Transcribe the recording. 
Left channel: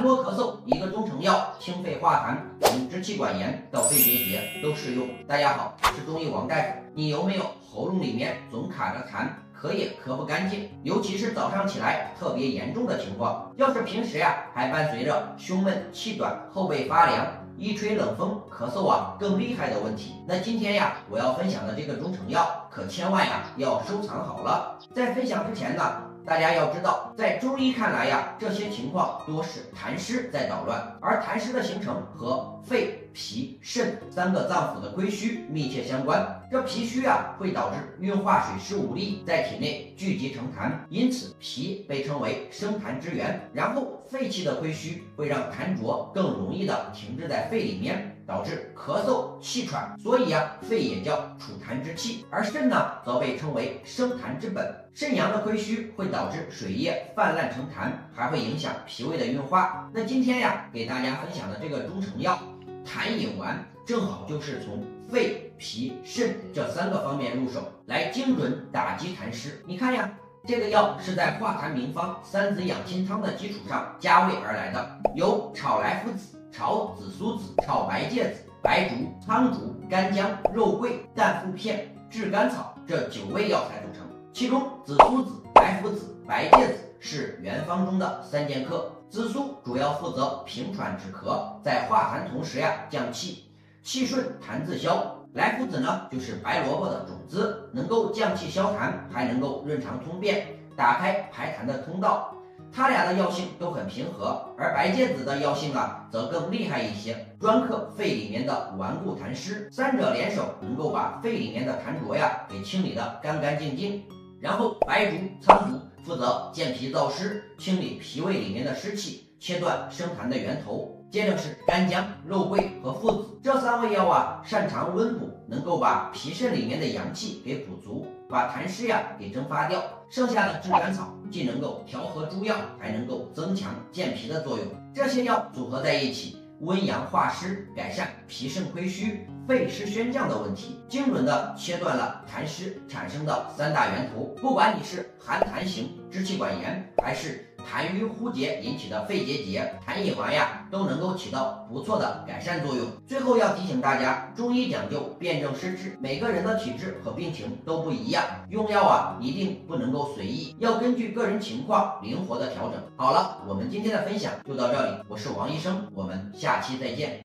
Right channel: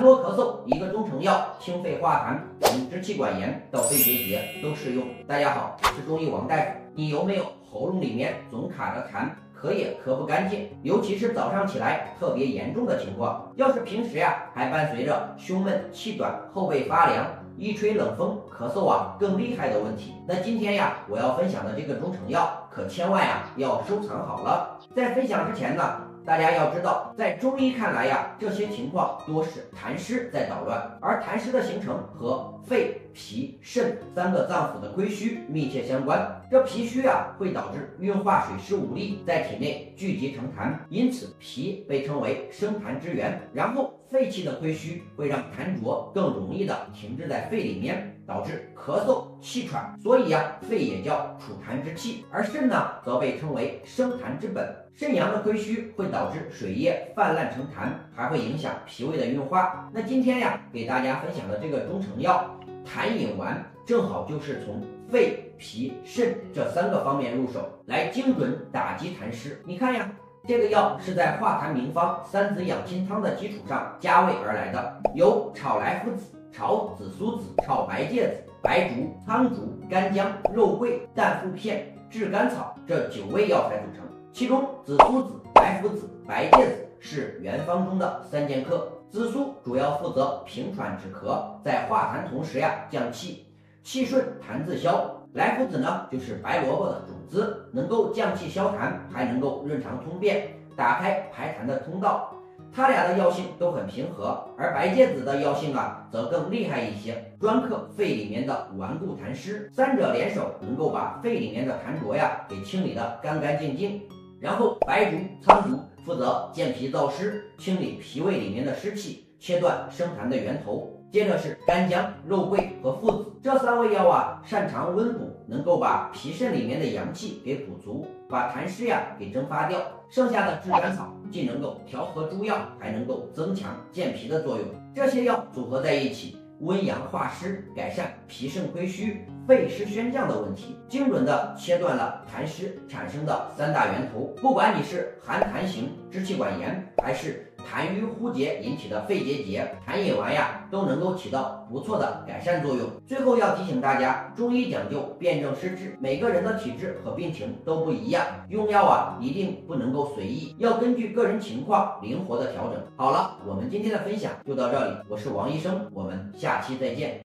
痰多咳嗽一个中成药，清肺化痰，从支气管炎到肺结节都适用。大家好，我是中医王大夫。你有没有喉咙里面总卡着痰，咳也咳不干净，尤其是早上起来特别严重的情况？要是平时还伴随着胸闷、气短、后背发凉，一吹冷风咳嗽更厉害的问题，那今天我要分享的这个中成药可千万要收藏好了。在分享之前呢，大家要知道，在中医看来这些情况多是痰湿在捣乱，而痰湿的形成和肺、脾、肾三个脏腑的亏虚密切相关。这脾虚会导致运化水湿无力，在体内聚集成痰，因此脾被称为生痰之源。然后肺气的亏虚会让痰浊更容易的停滞在肺里面，导致咳嗽、气喘，所以肺也叫储痰之器。而肾呢，则被称为生痰之本。肾阳的亏虚会导致水液泛滥成痰，还会影响脾胃的运化。那今天给大家分享的这个中成药痰饮丸，正好就是从肺、脾、肾这三个方面入手，来精准打击痰湿。你看这个药是在化痰名方三子养心汤的基础上加味而来的，由炒莱菔子、炒紫苏子、炒白芥子、白术、苍术、干姜、肉桂、淡附片、炙甘草这9味药材组成。其中紫苏子、莱菔子、白芥子是原方中的3剑客。紫苏主要负责平喘止咳，在化痰同时降气，气顺痰自消。莱菔子呢，就是白萝卜的种子，能够降气消痰，还能够润肠通便，打开排痰的通道。它俩的药性都很平和，而白芥子的药性则更厉害一些，专克肺里面的顽固痰湿。三者联手，能够把肺里面的痰浊给清理得干干净净。然后白术、苍术负责健脾燥湿，清理脾胃里面的湿气，切断生痰的源头。接着是干姜、肉桂和附子，这3味药擅长温补，能够把脾肾里面的阳气给补足，把痰湿给蒸发掉。剩下的炙甘草既能够调和诸药，还能够增强健脾的作用。这些药组合在一起，温阳化湿，改善脾肾亏虚、肺湿宣降的问题，精准的切断了痰湿产生的3大源头。不管你是寒痰型支气管炎，还是痰瘀枯竭引起的肺结节，痰饮丸都能够起到不错的改善作用。最后要提醒大家，中医讲究辨证施治，每个人的体质和病情都不一样，用药一定不能够随意，要根据个人情况灵活的调整。好了，我们今天的分享就到这里，我是王医生，我们下期再见。